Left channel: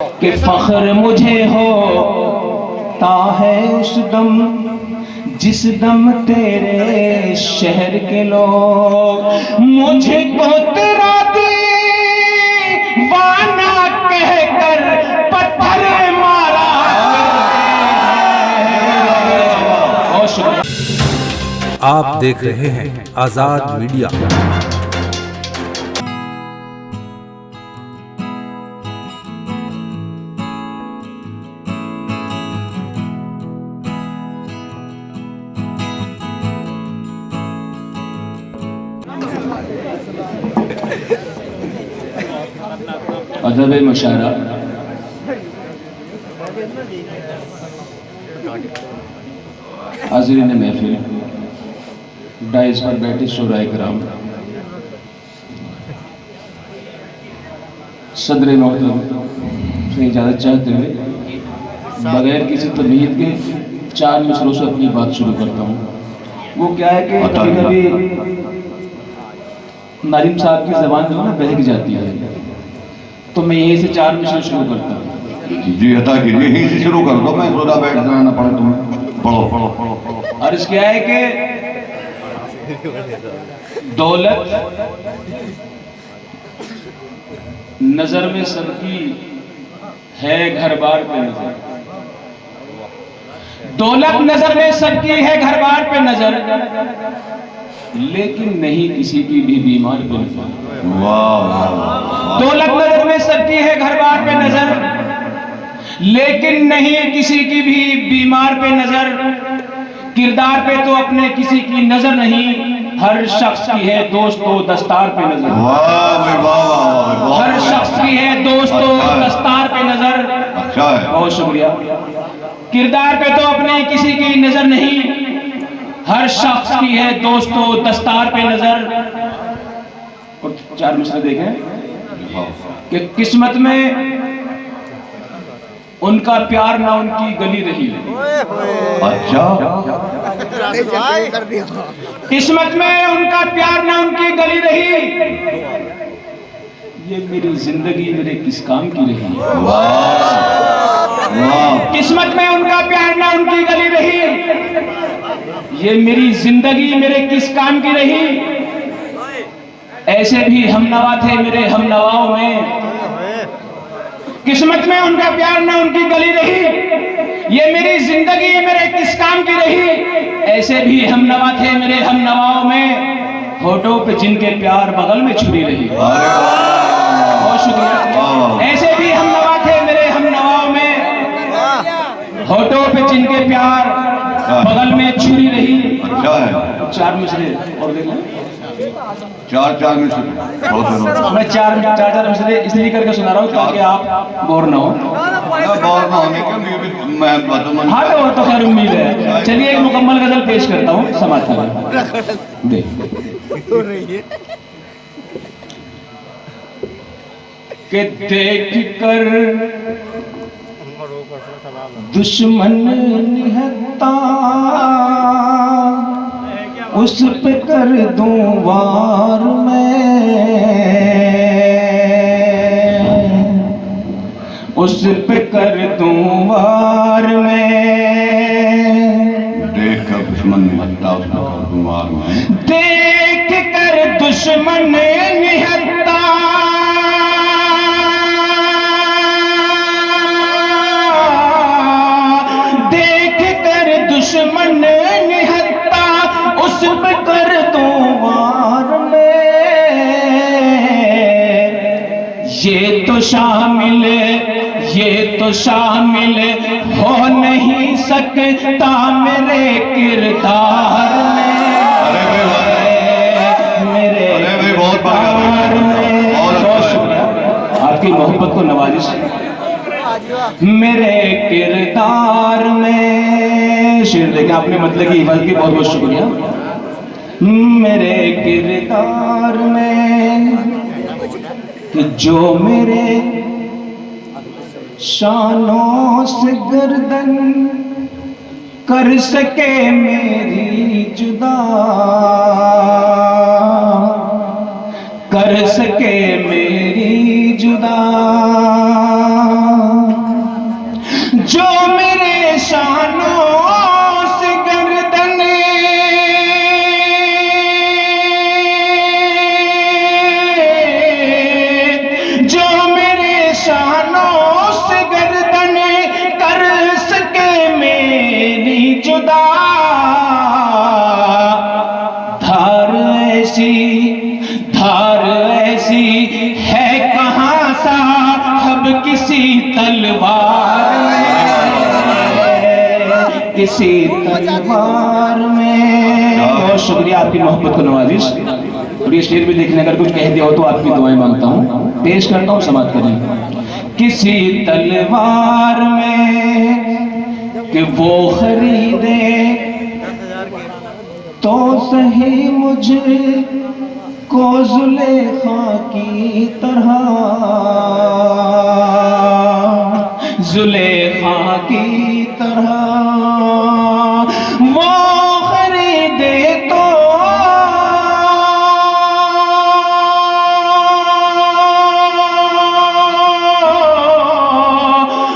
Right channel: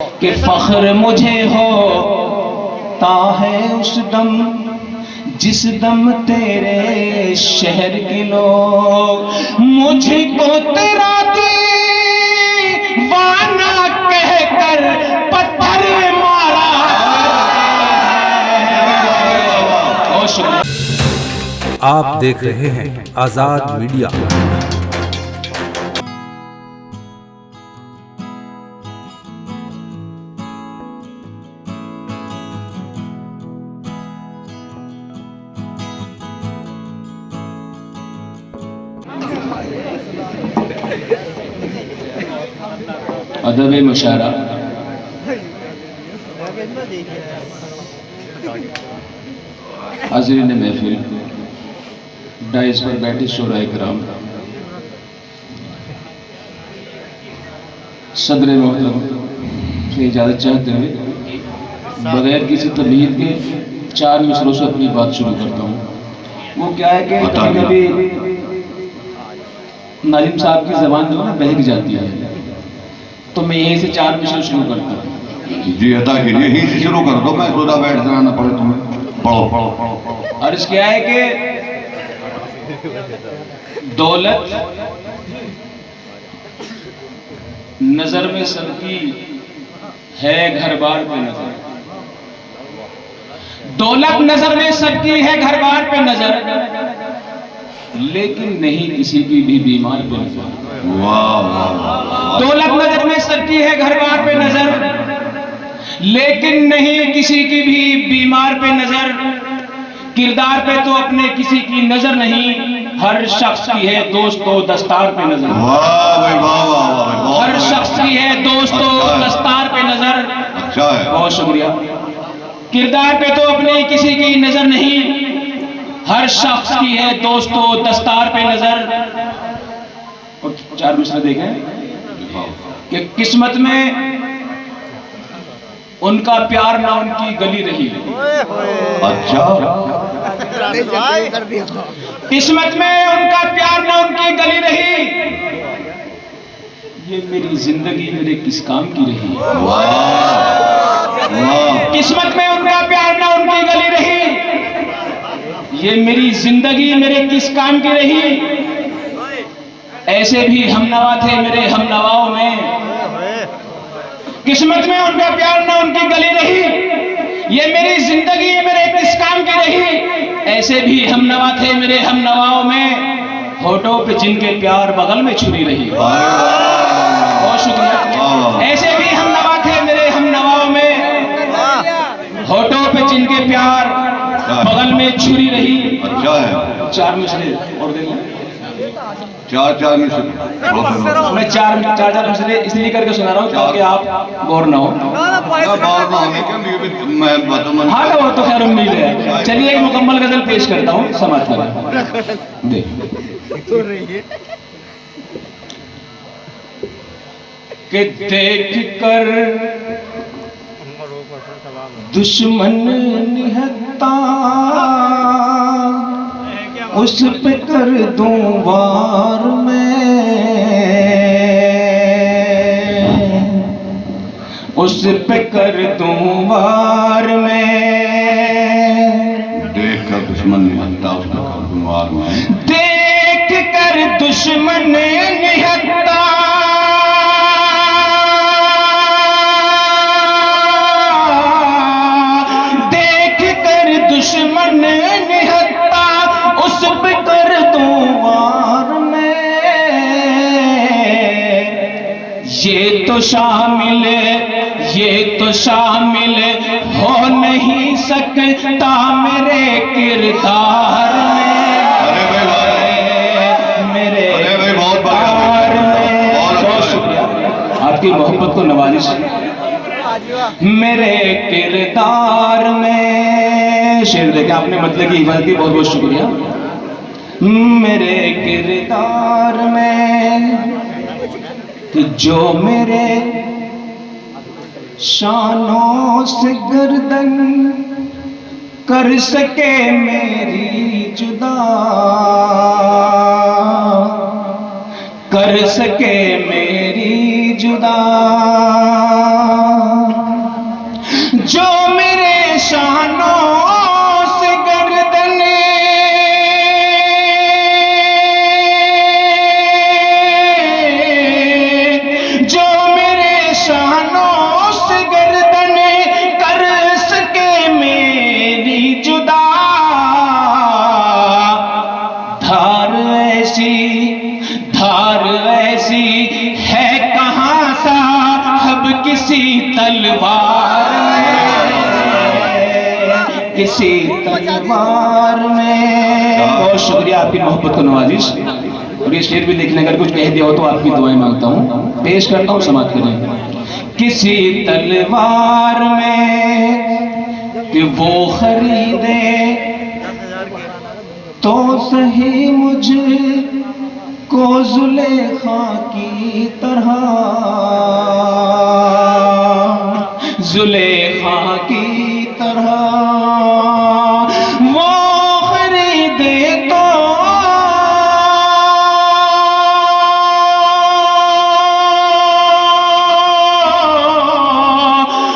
कि फख्र मुझे होता है उस दम जिस दम तेरे शहर के लोग मुझको तेरा दीवाना कहकर पत्थर मारा। आप देख रहे हैं आजाद मीडिया। अदब मुशारा हाज़रीन महफिल, डाइस पर बैठे शोराए कराम, सदर मोहतरम से इजाज़त चाहते हुए बगैर किसी तबीयत के 4 मिसरों से अपनी बात शुरू करता हूँ। वो क्या है कि कभी-कभी नाजिम साहब की ज़बान जो है बहक जाती है, तो मैं यहीं से 4 मिसरे शुरू करता हूँ। जी अदा कीजिए, यहीं से शुरू कर दो, मैं थोड़ा बैठ जाना पड़े तुम्हें। पढ़ो। और इस क्या है कि दौलत नजर में सबकी है, घर बार पे नजर। दौलत नजर में सबकी है, घर बार पे नजर, लेकिन नहीं किसी की भी बीमार पे नजर। दौलत नजर में सबकी है, घर बार पे नजर, लेकिन नहीं किसी की भी बीमार पे नजर। किरदार पे तो अपने किसी की नजर नहीं, हर शख्स की है दोस्तों दस्तार पे नजर। हर शख्स की है दोस्तों दस्तार पे नजर। बहुत शुक्रिया। किरदार पे तो अपने किसी की नजर नहीं, हर शख्स की है दोस्तों दस्तार पे नजर। 4 मिसरे देखें कि किस्मत में उनका प्यार ना उनकी गली रही। अच्छा, किस्मत में उनका प्यार ना उनकी गली रही, ये मेरी जिंदगी मेरे किस काम की रही। किस्मत में उनका प्यार ना उनकी गली रही, ये मेरी जिंदगी मेरे किस काम की रही। ऐसे भी हमनवा थे मेरे हमनवाओं में, किस्मत में उनका प्यार ना उनकी गली रही, ये मेरी जिंदगी मेरे किस काम की रही। ऐसे भी हमनवा थे मेरे हमनवाओं में, होठों पे जिनके प्यार बगल में छुरी रही। बहुत शुक्रिया। ऐसे भी हमनवा थे मेरे हमनवाओं में, होठों पे जिनके प्यार बगल में छुरी रही। अच्छा है। 4 मिसरे और देख लें। 4 मिसरे मैं 4 मिसरे इसलिए करके सुना रहा हूँ ताकि आप बोर ना हो। मैं बताऊँ। हाँ तो खैर उम्मीद है। चलिए एक मुकम्मल गजल पेश करता हूँ, समाज का देख। कि देख कर दुश्मन निहत्ता, उस पे कर दूं वार मैं, उस पे कर दूं वार मैं। देख कर दुश्मन निहत्ता, उस पे कर दूं वार मैं। देख कर दुश्मन निहत्ता, देख कर दुश्मन निहत्ता, उस पे कर दूं वार मैं। ये तो शामिल हो नहीं सकता मेरे किरदार में, मेरे किरदार में। आपकी मोहब्बत को नवाजिश मेरे किरदार में। शेर देखे आपने मतलब की हिफाजत की, बहुत बहुत शुक्रिया। मेरे किरदार में कि जो मेरे शानों से गर्दन कर सके मेरी जुदा, कर सके मेरी जुदा। जो मेरे शानों से गर्दन जो मेरे शानों से गर्दन कर सके मेरी जुदा धार ऐसी है कहाँ साहब किसी तलवार किसी तलवार में। बहुत शुक्रिया आपकी मोहब्बत को नवाजिश। और ये शेर भी देखने अगर कुछ कह दिया हो तो आपकी दुआएं मांगता हूँ, पेश करता हूँ, समाप्त करें। किसी तलवार में कि वो खरीदे तो सही मुझे को जुलेखा की तरह, जुलेखा की तरह वो खरीदे तो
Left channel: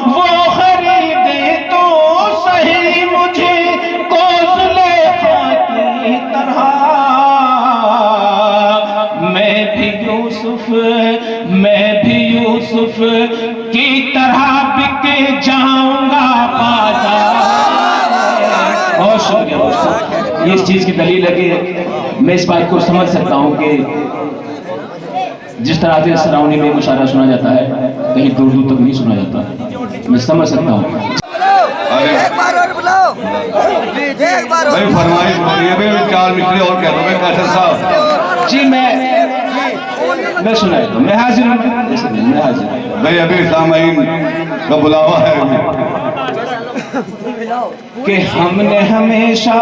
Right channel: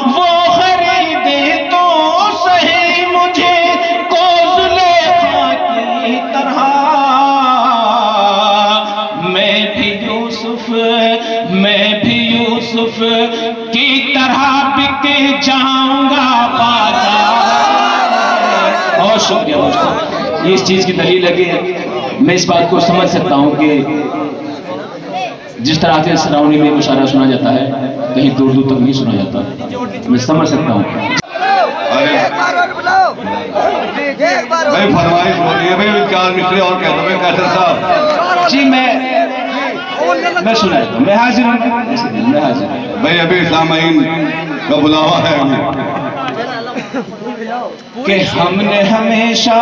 वो खरीदे तो सही मुझे को जुलेखा की तरह। मैं भी यूसुफ की तरह बिक जाऊंगा बाजार। बहुत शुक्रिया। ये इस चीज की दलील है कि मैं इस बात को समझ सकता हूँ कि जिस तरह से सराउंडिंग में मुशायरा सुना जाता है कहीं दूर दूर तक नहीं सुना जाता, मैं समझ सकता हूँ। भाई फरमाइश बोलिए भाई, 4 मिसरे और कह दो भाई कैसर साहब जी। मैं सुनाई हूँ, मैं हाजिर हूँ, मैं हाजिर हूँ भाई। अभी सामाइन का बुलावा है कि हमने हमेशा।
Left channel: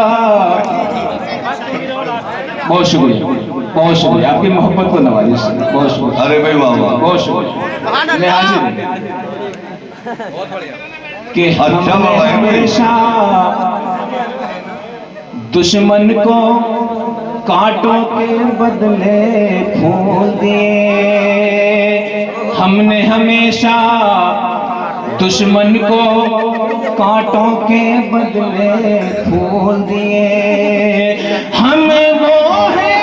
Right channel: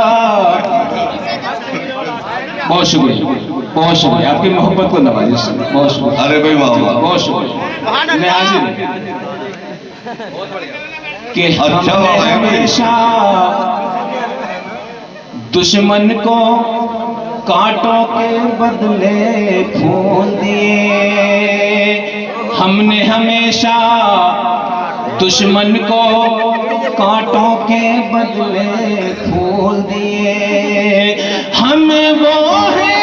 बहुत शुक्रिया, बहुत शुक्रिया आपकी मोहब्बत को नवाजिश, बहुत शुक्रिया। अरे भाई वाह, बहुत शुक्रिया। मैं हाजिर हूँ कि हमने हमेशा दुश्मन को कांटों के बदले फूल दिए। हमने हमेशा दुश्मन को कांटों के बदले फूल दिए। हम वो हैं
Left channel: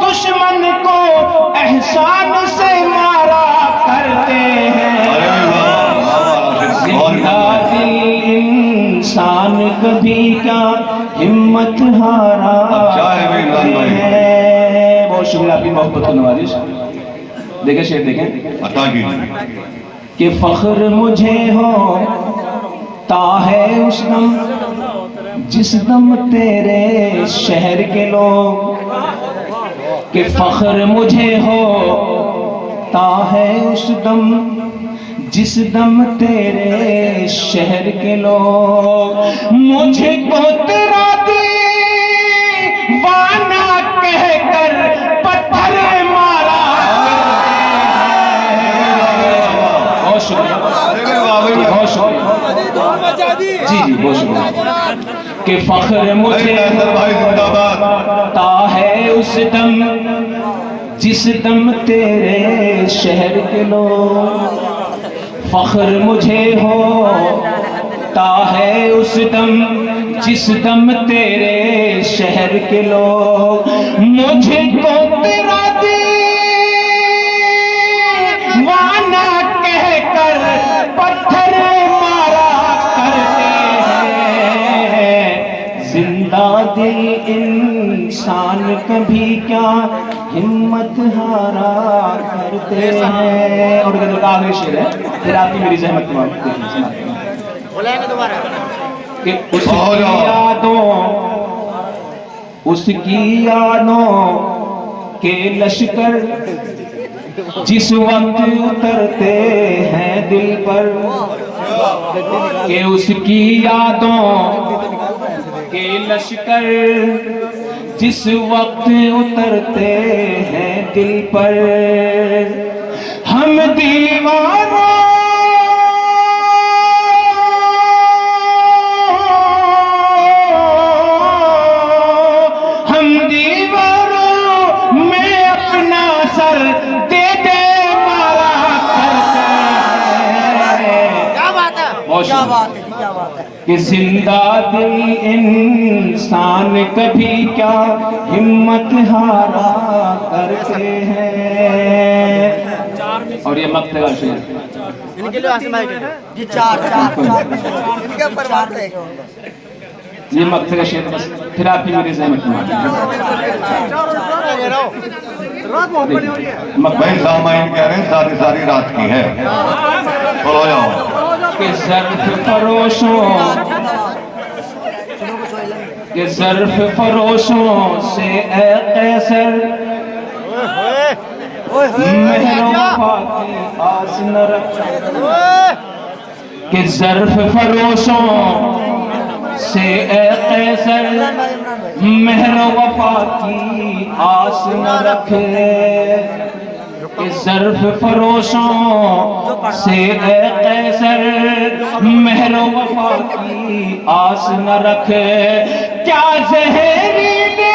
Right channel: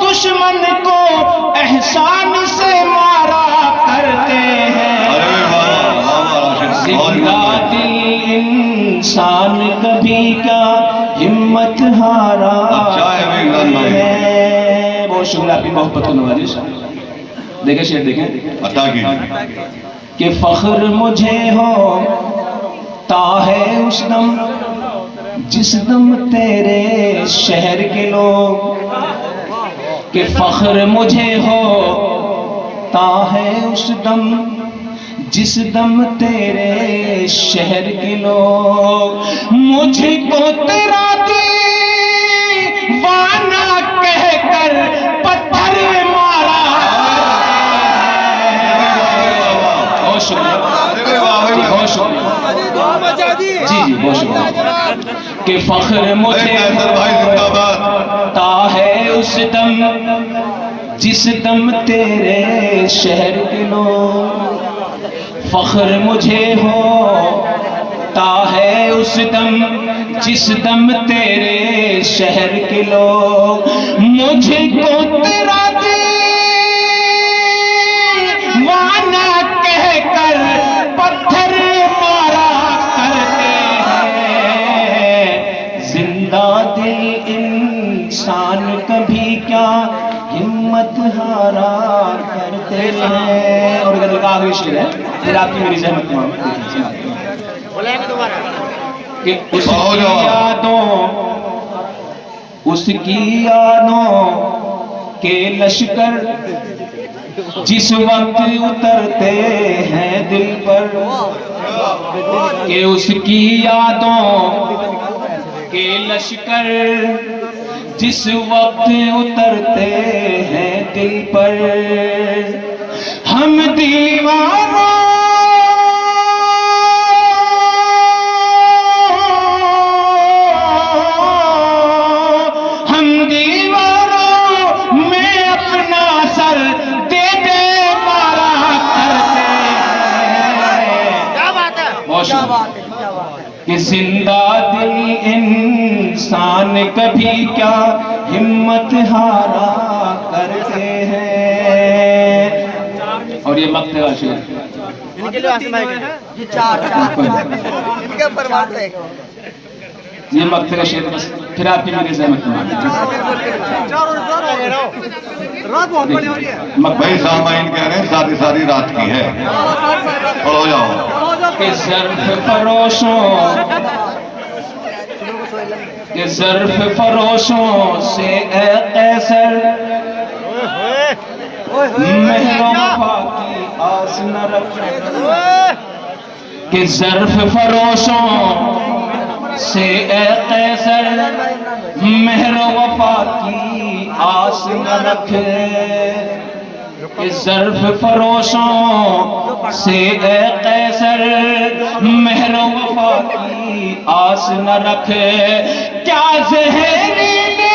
दुश्मन को एहसान से मारा करते हैं। जिंदा दिल इंसान कभी का हिम्मत हारा है। बहुत शुक्रिया आपकी मोहब्बत को नवाजिश। देखें शेर देखें। अता कीजिए कि फख्र मुझे हो ता है उस दम जिस दम तेरे शहर के लोग, कि फख्र मुझे हो ता है उस दम जिस दम तेरे शहर के लोग मुझको तेरा दीवाना कहकर पत्थर मारा। बहुत शुक्रिया, बहुत शुक्रिया जी, बहुत शुक्रिया। कि फख्र मुझे ता है उस दम जिस दम तेरे शहर के लोग, फख्र मुझे हो ता है उस दम जिस दम तेरे शहर के लोग मुझको तेरा दीवाना कहकर पत्थर मारा करते हैं। जिंदा दिल इंसान कभी क्या हिम्मत हारा करते हैं। और गजल का आखिरी शेर है, फिर आपकी मेरी जहमत बोलेंगे दोबारा कि उसकी यादों के लश्कर जिस वक्त उतरते हैं दिल पर, कि उसकी यादों के लश्कर जिस वक्त उतरते हैं दिल पर, हम दीवारों कि जिंदा दिल इंसान कभी क्या हिम्मत हारा करते हैं। और ये मक्त का शेर इनके लिए आसिम भाई के लिए जी चार इनके परिवार पे ये मक्त का शेर बस फिर आपकी मेरी जहमत में भाई सामाइन कह रहे हैं सारी सारी रात की है। हो जाओ कि ज़र्फ़ फरोशों से ए कैसर महरों की आस न रख। कि ज़र्फ़ फरोशों से ए कैसर महरों वफा की आस न रख। ज़र्फ़ फरोशों से ए कैसर महरो वफा की आस न रख। क्या ज़हरी दे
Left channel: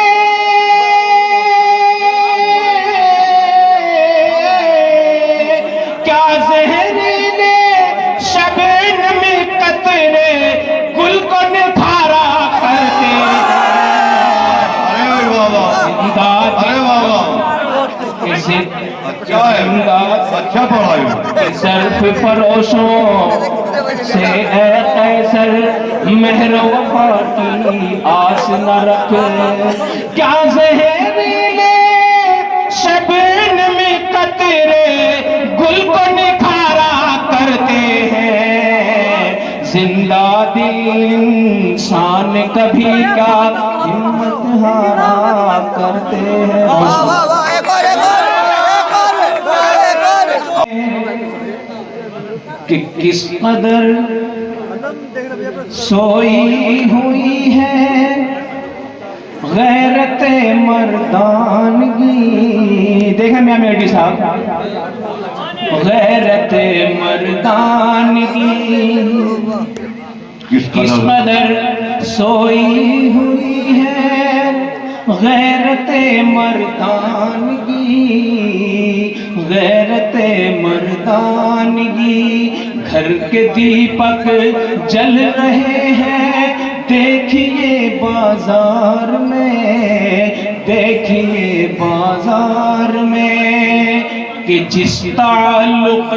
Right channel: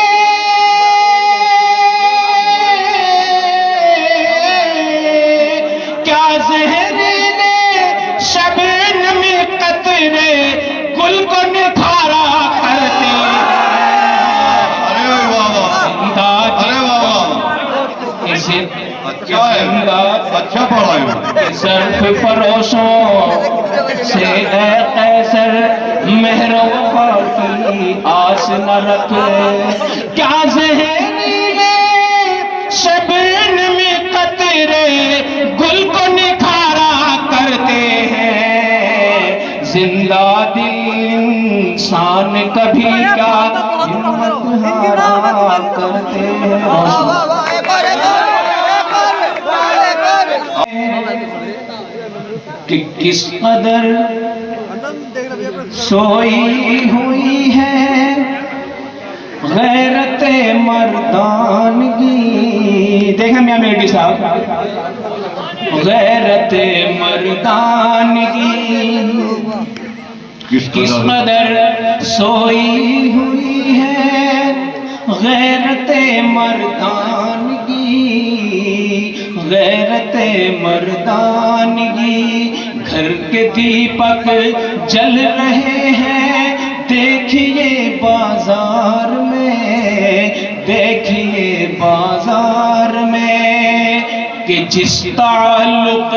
क्या ज़हरी दे शबनम कतरे गुल को निखारा करते। अच्छा पढ़ा है। ज़र्फ़ फरोशों से ए कैसर महरो वफा की आस न रख। क्या ज़हरीले शबनम कतरे गुल को निखारा करते हैं। जिंदा दिल इंसान कभी क्या हिम्मत हारा करते हैं। कि किस कदर सोई हुई है गैरत मर्दानगी। देखा मियां मेडी साहब, गैरत मर्दानगी किस कदर सोई हुई है गैरत मर्दानगी। गैरत मर्दानगी घर के दीपक जल रहे हैं देखिए बाजार में। देखिए बाजार में कि जिस ताल्लुक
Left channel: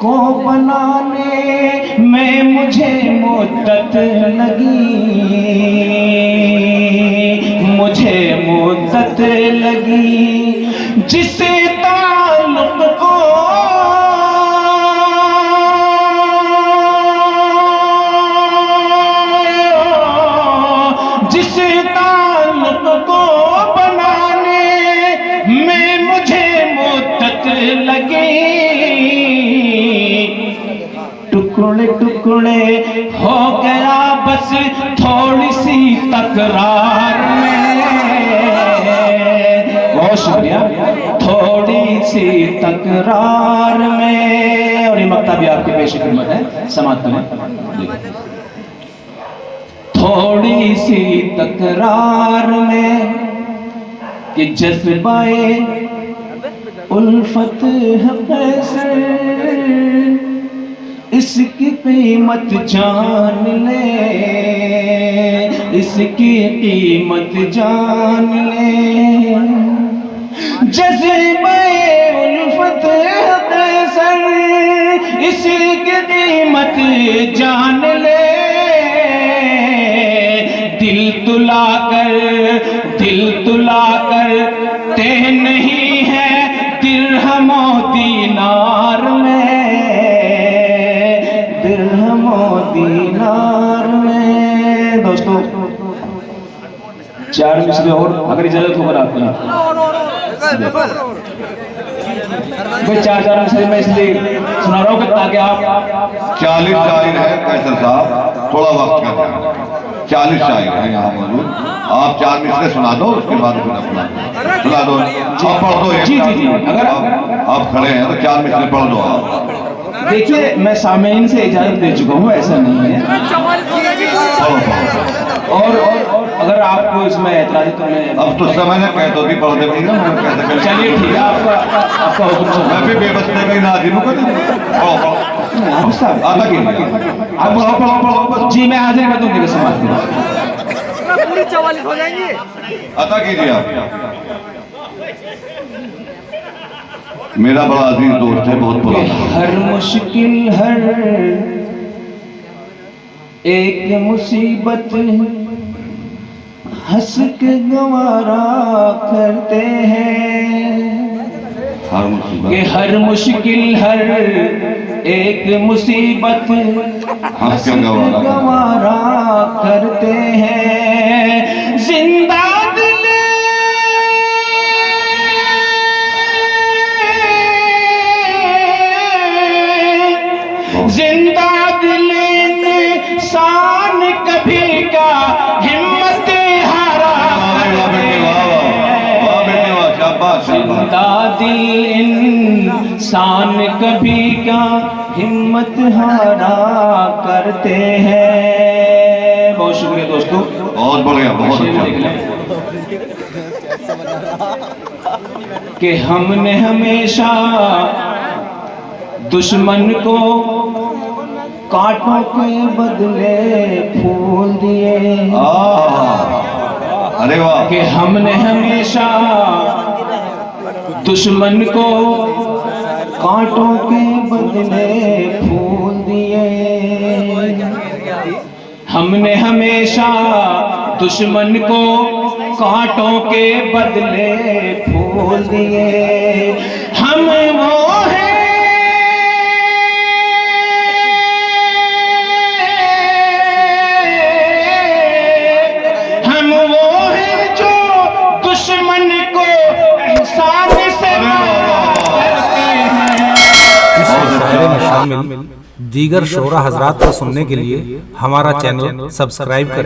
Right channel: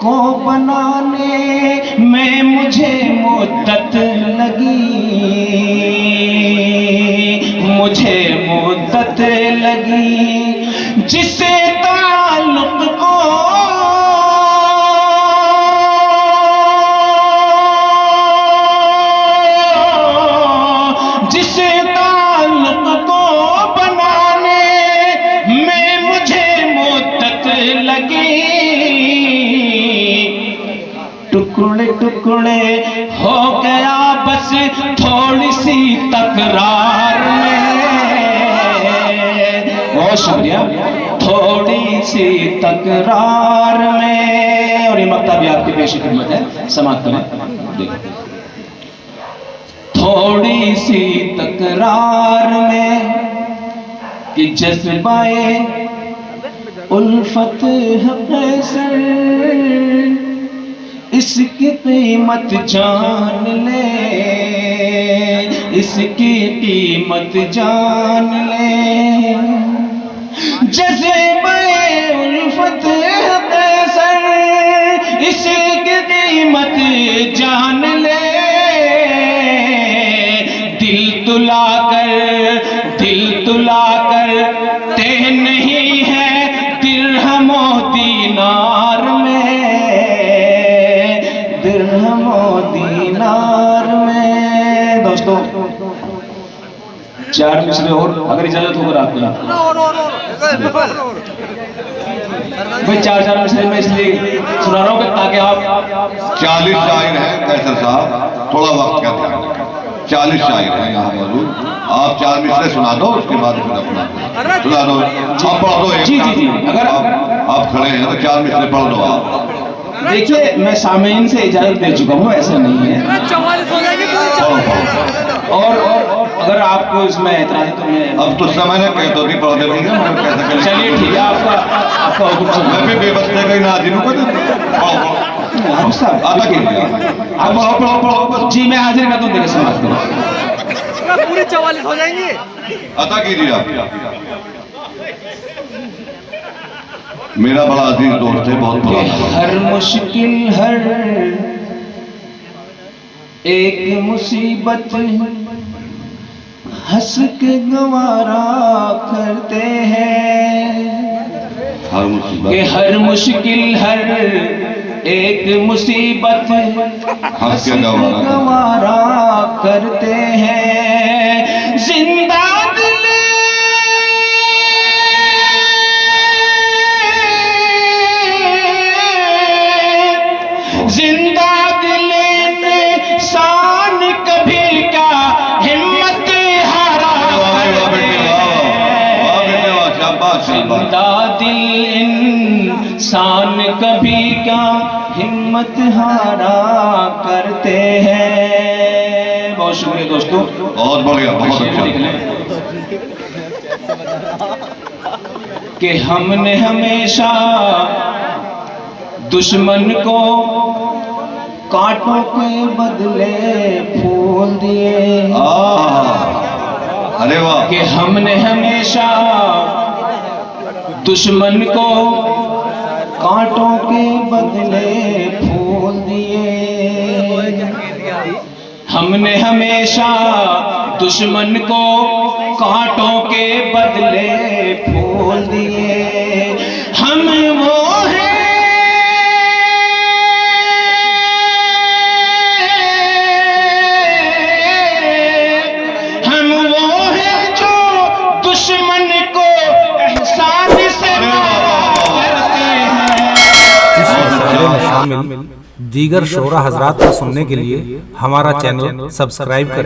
को बनाने में मुझे मुद्दत लगी, मुझे मुद्दत लगी। जिस ताल्लुक को जिस ताल्लुक को बनाने में मुझे मुद्दत लगी। टुकड़े टुकड़े हो गया बस थोड़ी सी तकरार में। बहुत शुक्रिया। थोड़ी सी तकरार में। और ये मक्ता भी आपके पेश खिदमत है, समाप्त करें। थोड़ी सी तकरार में कि जज्बाए उल्फत है कैसर। इसकी कीमत जान ले, इसकी कीमत जान ले। जज्बाए उल्फत है कैसर, इसकी कीमत जान ले। दिल तुला कर ते नहीं है दिरहमो दीनार में। दिरहमो दीनार में। दोस्तों 4 मिसरे और अगर इजाजत होकर आपकी भाई 4 मिसरे मैं इसलिए सुना रहा हूँ कि ताकि आप 40 शायर है कैसर साहब, थोड़ा वक्त का ध्यान। 40 शायर हैं यहाँ मौजूद। आप 4 मिसरे सुना दो, उसके बाद फिर अपना सुना दो। आप पढ़ दो। जी जी जी। अगर आप खड़े हैं तो 4 मिसरे पढ़ दो आप। देखिए मैं सामीन से इजाजत दे चुका हूँ, ऐसा नहीं है। और अगर आपको इसमें ऐतराज है तो मैं अब तो समय ना कह दो कि पढ़ देती ना मैं कैसे कर चलिए ठीक है, आपका हुक्म सुन। मैं भी बेबस कोई ना आदमी को हाँ, साहब, आता कि आप जी मैं हाजिर करता हूँ, देखो समाप्त करो। पूरी 44 हो जाएंगे। आता कीजिए आप। मेरा बड़ा अजीज दोस्त है, बहुत कि पुराना। हर मुश्किल हर एक मुसीबत हंस के गवारा करते हैं, हर मुसीबत कि हर मुश्किल हर एक मुसीबत हंस के गवारा करते हैं। जिंदा दिल जिंदा दिल इंसान कभी का हिम्मत हारा करते हैं। जिंदा दिल इंसान कभी का हिम्मत हारा करते हैं। बहुत शुक्रिया दोस्तों, बहुत बढ़िया, बहुत शेर लिख अच्छा। लें कि हमने हमेशा दुश्मन को कांटों के बदले फूल दिए, अरे वाह, कि हमने हमेशा दुश्मन को कांटों के बदले फूल दिए। हमने हमेशा दुश्मन को कांटों के बदले फूल दिए। हम वो हैं, हम वो हैं जो दुश्मन को एहसान से मारा करते हैं। इस मुशायरे में शामिल दीगर शोरा हजरात को सुनने के लिए हमारा चैनल सब्सक्राइब करें।